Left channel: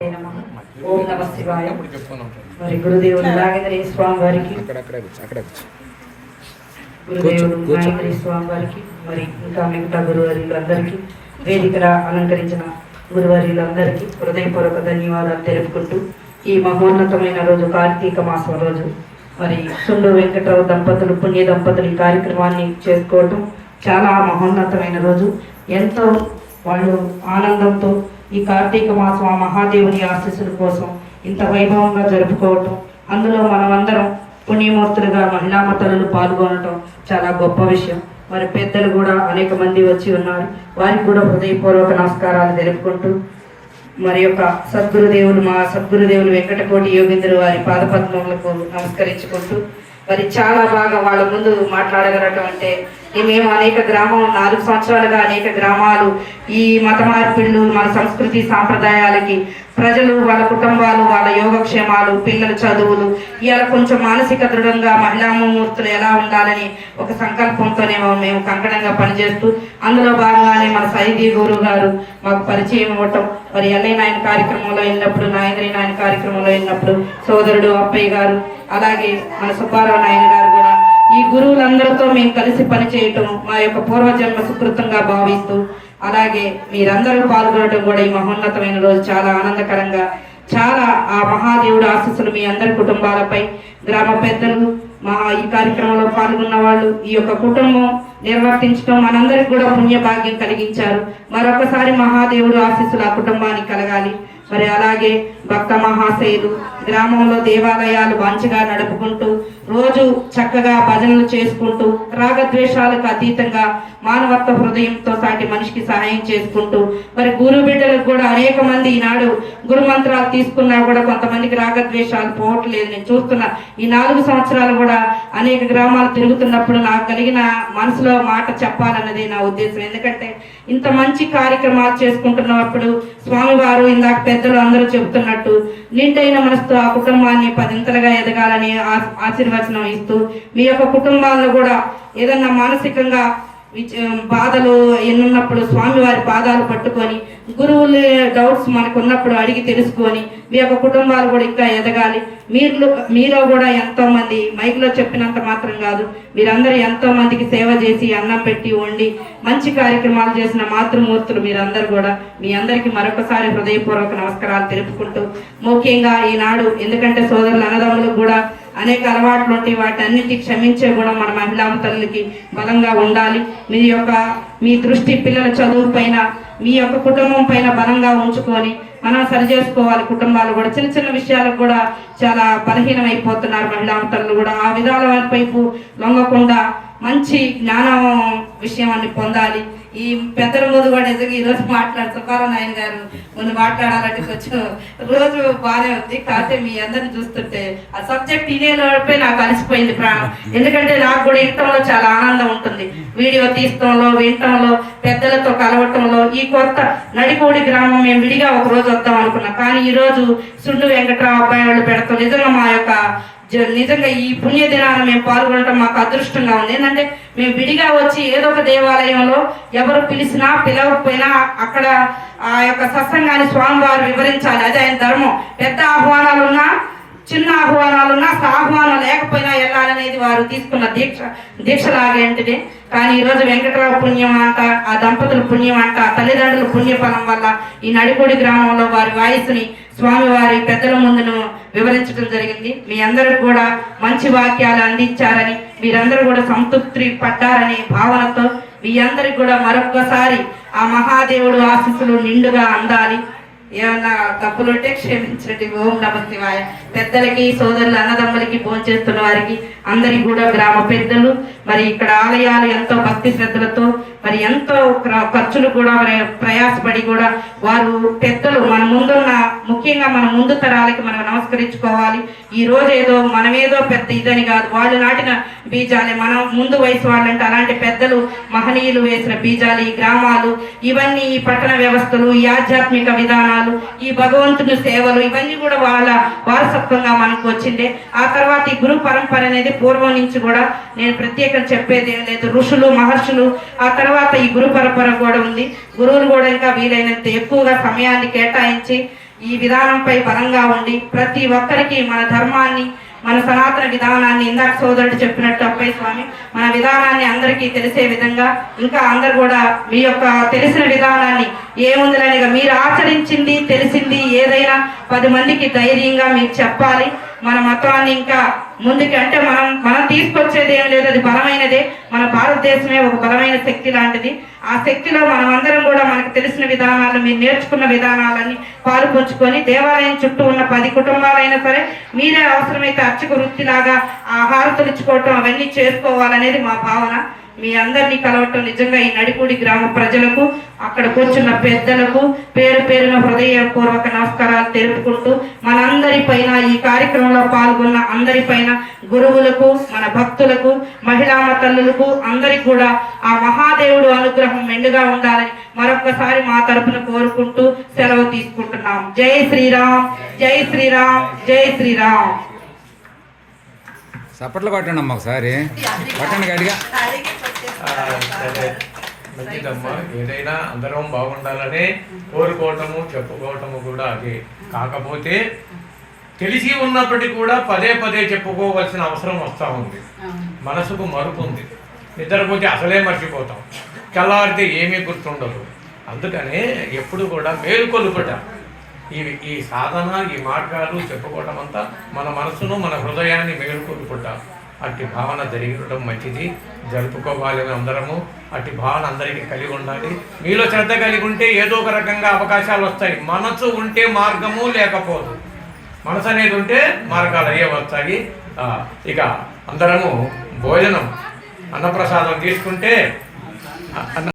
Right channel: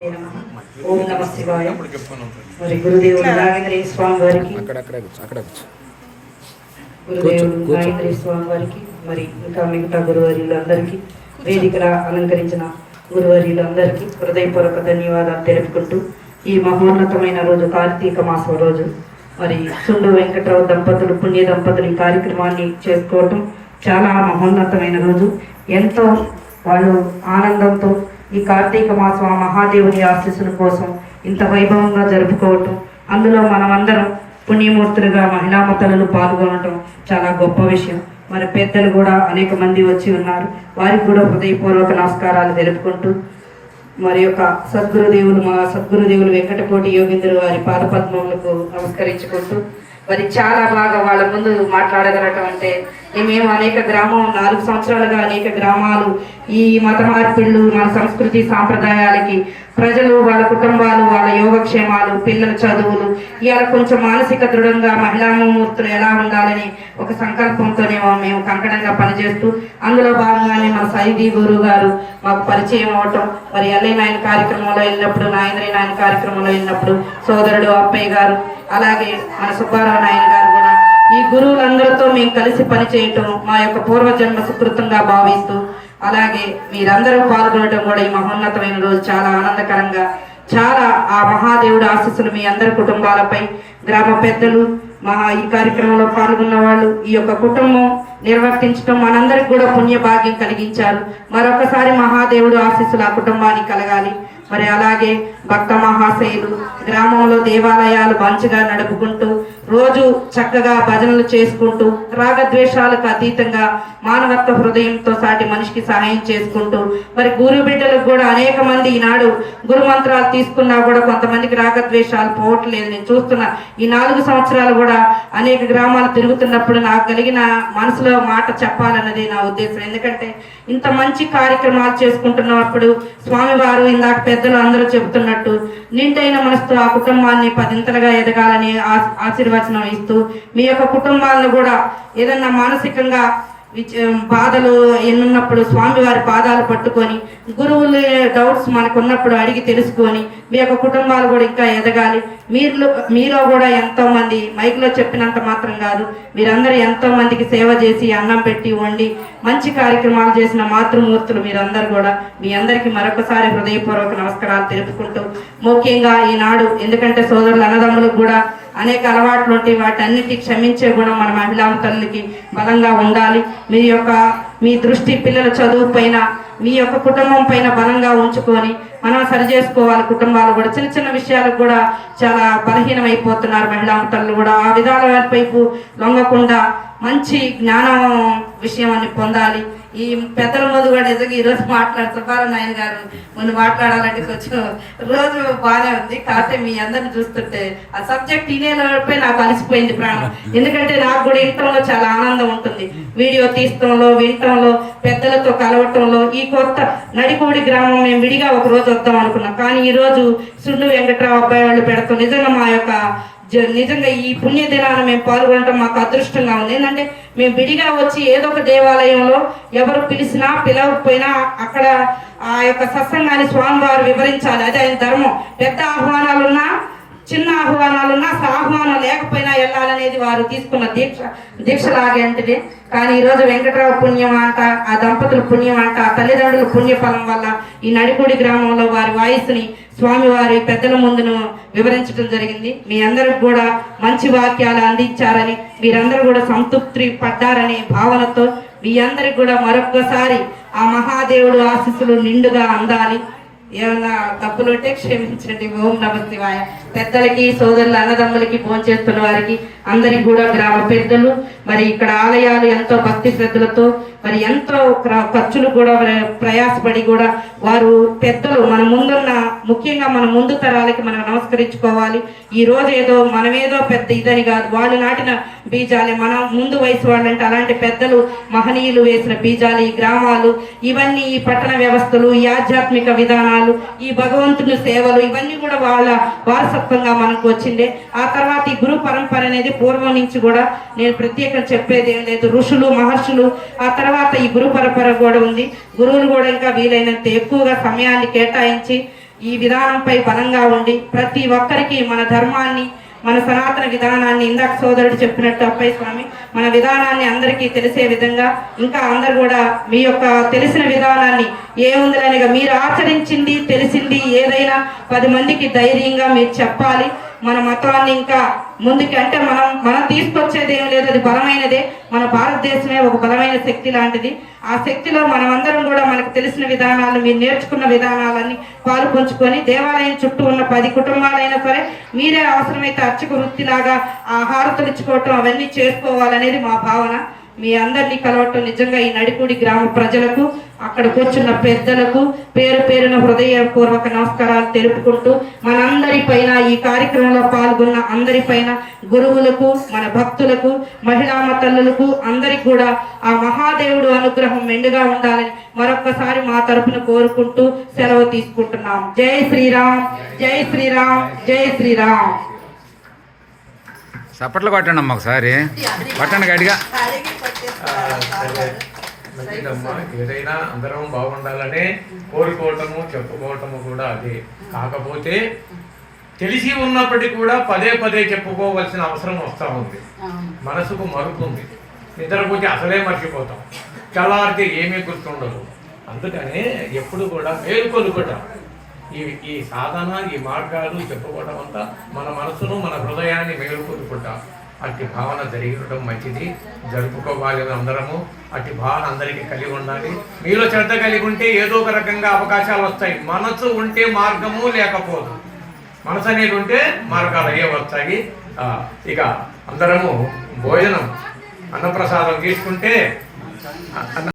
ఓం నమ శివాయ. మరి గురుదేవుడు నాగేంద్ర స్వామి వారికి గురుదేవుడు స్వామి వారికి మరి ఇంకా మిగతా గురువర్యులందరికీ వేదికల అలంకరించిన గురువర్యులందరికీ హృదయపూర్వక ధన్యవాదాలు తెలుపుకుంటూ ఈ మహోన్నతమైన రోజు కార్తీక మాసం రోజు మరి సుండు వెంకటరావు దంపతులు పుణ్య దంపతులు ఈ కార్యక్రమాన్ని చేసుకోవటం చాలా మహోన్నతమైన రోజు. ఎంతో వాళ్ళు ఆనందంతో ఈ కార్తీక మాసం ఆ మహాదేవుని ఆశీస్సుల కోసం ఇంత వైభవంగా జరుపుకోవటం అందులో మనమందరం పుణ్యమూర్తులుగా మహిళామతలను పాల్గొనటం చాలా గొప్ప విషయం. మరి పెద్దలు కూడా అనేక మంది వచ్చి ఉన్నారు. వారికి కూడా హృదయపూర్వక నమస్కారాలు తెలుపుకుంటూ మరి యొక్క సద్గురుదేవులు మా సద్గురుదేవులు వెంకటకోటి యోగేంద్ర వారి పాదపద్మములకు నమస్కరించుకుంటూ మరి చాలా బాగా వాళ్ళ ముందు మాట్లాడగలగటం అంటే మేము అనేక గ్రామం నాలుగు సంవత్సరాలుగా అనేక గ్రామాలు ఈ మత మార్పిళ్ళు మన సంస్కృతి సాంప్రదాయాలకి ప్రజలు వాళ్ళ కుటుంబాలు వాళ్ళ యోగక్షేమాలు పిల్లల చదువులు ఇవాళ కొంచెం మానసిక దృఢంగా మహిళామూర్తులు ఎలా ఉండాలని ఒక సంకల్పంతోనేమో మేము కంకణంగా పనిచేస్తూ అందులో భాగంగానే మన సైదీ గురువు గారు మాకు పరిచయం అవటం మరి ఎల్ఐ నాయన కార్యక్రమంలో వెళ్ళినప్పుడు నాయనరి నాయన కార్యక్రమంలో వెళ్ళినప్పుడు సోదరుడు అప్పయ్య గారు అలాగే మన సుబ్బారావు నాయన గారు కూడా ఈ గురువులందరితో మేము కలిసి పనిచేయటం మా యొక్క పూర్వజన్మ సుకృతంగా భావిస్తూ అలాగే మీరందరూ పాల్గొనడం కూడా ఈ మహోన్నతమైన రోజు చాలా ఆనందకరంగా చాలా ఆ మహాదేవుడు ఆశీస్సులు మీ అందరి కుటుంబాలపై గ్రామ పెద్దలు మా ఈ కార్యక్రమంలో పాల్గొన్న వాళ్ళు ఈ యొక్క కుటుంబం నిర్వర్తించడం మనందరికి కూడా పుణ్య భాగ్యం కలిగించారు. మరొకసారి మహాదేవుడు ఆశీస్సులు ఆ కుటుంబానికి కలగాలి. మరి అలాగే భక్త మహాశయులు గ్రామంలో దేవాలయాలు మంచిగా నడుపుకుంటూ రోజు చక్కగా భజనలు చేసుకుంటూ రాగద్వేషాలకు అతీతంగా మానవత్వ హృదయంతో సాటి మనిషికి సహాయం చేసుకుంటూ మరి గురు బిడ్డలకు కూడా అనేక మంది ఈనాడు గురు మంత్రాలు తీసుకున్నా కూడా కొంతమందికి రాగద్వేషాలు పోవట్లేదు. నేను చూస్తున్నా ఈ నాలుగు సంవత్సరాలు కూడా అనేక గ్రామాలు తిరుగుతున్నప్పుడు నాకు కలిగిన మనసులో మాట చెప్పాలన్నది నా ఉద్దేశం. ఎందుకంటే ఇంత మంచి కార్యక్రమాలు చేసుకుంటున్నప్పుడు స్వామివారు ఇందాక పెద్దలు అందరూ చెబుతున్నట్టు నిండైన మనసుతో ఆ కుటుంబాన్ని పదింతలుగా ఎదగాలని ఆ- ఆశీర్వచనం ఇస్తూ మీ యొక్క కుటుంబాలను కూడా ఏదన్నా మానసికంగా బాధలు ఎన్నున్నప్పుడు స్వామివారి పాదాలు పట్టుకొని గురువుల డౌట్స్ మనకు ఉన్నప్పుడు అడిగి తెలుసుకొని మీ యొక్క కుటుంబాలు కూడా ఇంకా ఎదగాలి. మీరు మీలో కూడా ఎంతో మంది మైక్లో చెప్పినంత మాత్రం కాదు మీరందరూ ఎంతో మందికి సేవ చేసి అన్నం పెట్టి వండి మంచి కార్యక్రమాలు చేసిన మాతృమూర్తులు మీరందరూ కూడా మీ అందరికీ మరొకసారి హృదయపూర్వక నమస్కారాలు తెలుపుకుంటూ ముఖ్యంగా ఈనాడు ఎందుకంటే సోదరుల అన్నదమ్ములకు కూడా అనేక అలవాట్లు ఉంటాయి వాటన్నిటి క్షమించే గుణం మన మహిళా తల్లికి బలంగా ఉండాలి. మీ యొక్క మీ దృష్టి పిల్లల చదువు పైన మీ యొక్క కుటుంబం పైన బలంగా ఉంచుకొని మనం సరి చేసుకోవాలి. కుటుంబాలు కూడా చిన్న చిన్న విషయాలకు కూడా చాలా బలహీనమైపోతున్నారు మహిళా తల్లులు కూడా. ఆ విధాల వైపు లొంగకుండా మంచి జ్ఞానం విషయం అని పొందాలి. ఈ పెద్దల ముందు కూడా నిజంగా ఈరోజు రోజు మాట్లాడు సుబ్బారావు నాయన గారు ముందు మాట్లాడాలంటే కొంచెం రోజు బాగానే ఉంది. కాకపోతే మీ అందరిని చూస్తుంటే ఆ సబ్జెక్ట్ తినేలోపే నాకు అలసిపోయింది ప్రాణం. ఎందుకంటే నాకు కూడా ఇంటర్లో చాలా ఆనందం ఉంటుంది. వీడియో తీయటంలో వినటంలో పెద్దలతో కలవటంలో ఈ కొత్త నడికూడి గ్రామం మేము విడిగా ఒక రోజు వద్దాం అనుకున్నాం. కానీ ఈ రోజు సుండు వెంకట్రావు అబ్బాయి వాళ్ళు పెడతాం నిజంగా మా యొక్క నిజంగా ఈ పుణ్య దినాన మేము పాల్గొనడం మాకు అదృష్టంగా ఉంది. ఏంటంటే మేము విడిగా వచ్చి ఏదో ఒక దేవాలయంలో ఎవరు పిలిచినా పిలవకపోయినా అక్కడ ఆ యొక్క సత్సంగాన్ని స్వామివారు వివరించాలి. అదే ఆయన ధర్మం. పెద్ద ఆహ్వానాలున్నా చిన్న ఆహ్వానాలున్నా ఆహ్వానం లేకపోయినా వెళ్ళాలనేది వారు తీసుకున్న దీక్ష దీక్ష లాగేంటిది కానీ ఈరోజు వెంకటరావు పుణ్యం అంట ఆ దంపతుల పుణ్యం అంట ఆ తల్లిదండ్రుల పుణ్యఫలం వల్ల ఈ నడిపూడి గ్రామంలో వారి వాయిస్ని స్వామివారి పెద్దల ముందును వివరించడం జరిగింది. మీ అందరూ కూడా మంచి వాక్యాలు అందించారని మీరందరూ కూడా సంతృప్తి పడ్డారనే భావనతో మీ అందరికి కూడా మరొక్కసారి ఆ మహాదేవుడు ఆశీస్సులు నిండుగా అందాలి. ఏమన్నా తప్పులు ఉంటే క్షమించండి. ఓం నమ శివాయ. పెద్దలకి సోదరులు అన్నదమ్ములకి భోంచేస్తున్న వారికి అందరికి కూడా గ్రామ పెద్దలు మరి ఇక్కడ ఆలయాలు ఎంతో భక్తి శ్రద్ధలతో మరి ఎంతో ఖర్చులు కూడా ప్రయాసపడి కూడా వారు పెద్దలు మన ముందున్న ముఖ్యంగా మన ముందు తరాలకి మనం నమస్కరించుకోవాలి. ఈ రోజు ఏదో మనమేదో పెద్ద ఇదని కాదు. వాళ్ళు నాటిన బీజాలే మనం ముందు వయసు వాళ్ళంటే అలాంటి పెద్దలు మహనీయులు వేసిన బీజాలు ఈ గ్రామాలు ఇవన్నీ ఈ పట్టణ వ్యవస్థలు ఈ ఆధ్యాత్మిక విధానాలు ఈ భగవంతుని సేవలు ఇవన్నీ కూడా వాళ్ళ వారసత్వంగా మనకు వచ్చిండే. ఆ తర్వాత ఈ గురు పరంపర అనేది పూర్వం నుంచి కూడా నేను ప్రత్యేకం చెప్పేది ఏం లేదు. ఋషులు మహర్షులు ఆ తర్వాత ఈ గురు పరంపర కూడా ఉంది. గురువులు కూడా ఇంకా వీలైనంత ఎక్కువగా సమయాన్ని కేటాయించి ఈ విధానంపై బలంగా ఉండి ప్రతి ఒక్కరికి మన ధర్మాన్ని మన సనాతన విధానాన్ని ఇందాక సోదరుడు చెప్పినట్టు అప్పయ్య స్వామి మన విధానాన్ని అందరికీ తెలిసే విధంగా ఇంకా అందరు కూడా మీ యొక్క తెలిసిన విధానాన్ని ఏముందిలేనిగా మీరు ఆచరించింది తెలిసింది ఏదైనా పది మందికి ధైర్యంగా మీరు చెప్పాలి. మన మతాన్ని ఇంకా ముందుకి అంటే మనం మనం తీసుకొచ్చేది ఏం లేదు. అది బలమైనదే. మన భారతదేశమే ఒక బలమైన శక్తి లాంటిది. ఆ శక్తిలో మనమందరం కూడా మనకు తెలిసిన విధానాలు మీరు నేర్చుకున్న విధానాలన్నీ పాలు పంచుకొని దేవాలయం చుట్టూ ఉన్న పది కుటుంబాలైనా సరే మీరే అవసరమైతే అర్చక వృత్తిలాగా ఆహారం తుడుచుకోవటం అవన్నీ చేసుకోవాలనేది మా భావన. మీ అందరినీ కలవటం నిజంగా ఈ నడిపూడి గ్రామ ప్రజలకు అక్కడ కూర్చున్న పెద్దలకు పేరు పేరున హృదయపూర్వక నమస్కారాలు తెలుపుకుంటూ మనందరిపైన ఈ కార్యక్రమంలో పాల్గొన్న అందరి పైన గురువులకు మన భక్తులకు మహిళా తల్లులకు అందరికి కూడా ఆ మహాదేవుడు అనుగ్రహం మెండుగా ఉండాలని మరొక్కసారి మా తరపున కోరుకుంటూ సెలవు తీసుకుంటున్నాం. జై శ్రీరామ్ జై శ్రీరామ్ జై శ్రీరామ్. చప్పట్లు కొట్టండి అమ్మ ఒకసారి. కొట్టండి గట్టిగా. మంచిదమ్మా ఏదైనా అందరం బాగుండాలని కోరుకోవటము చెప్పుకోవటము కూడా అదే. కాకపోతే తెలిసి ఉన్నప్పటికీ కూడా పదే పదే చెప్పుకోవాల్సిన అవసరం వస్తూ ఉంది. మనసుకు మరుపు ఉంది. నిద్రపోతే అసలే మర్చిపోతాం. తెల్లారితే ఏమీ గుర్తుండదు. అందుకనే ఎప్పుడు కూడా మేల్కొలుపట ఈ ఈ సాధన ఈ మార్గాలు చెప్పుకోవడం అంతా మన మనసును మన హృదయాన్ని మేలుకొలుపుట అట్టి భావన జరిగడం మంచిది. జరుపుకోవాలి అందరము. అట్టి భావన అందరికీ కలిగి ఉండాలి. మీలో శ్రద్ధ కలిగి ఉంటే ఏదో ఒక రకంగా అవకాశాలు వస్తాయి. మనసు ఉంటే మార్గము లేకపోదు. మనసు అనేది ఉంటే మార్గాలు అయ్యే వస్తాయి. ఇక అందరము భోజనం అన్నప్రసాదం తీసుకుంటే అన్న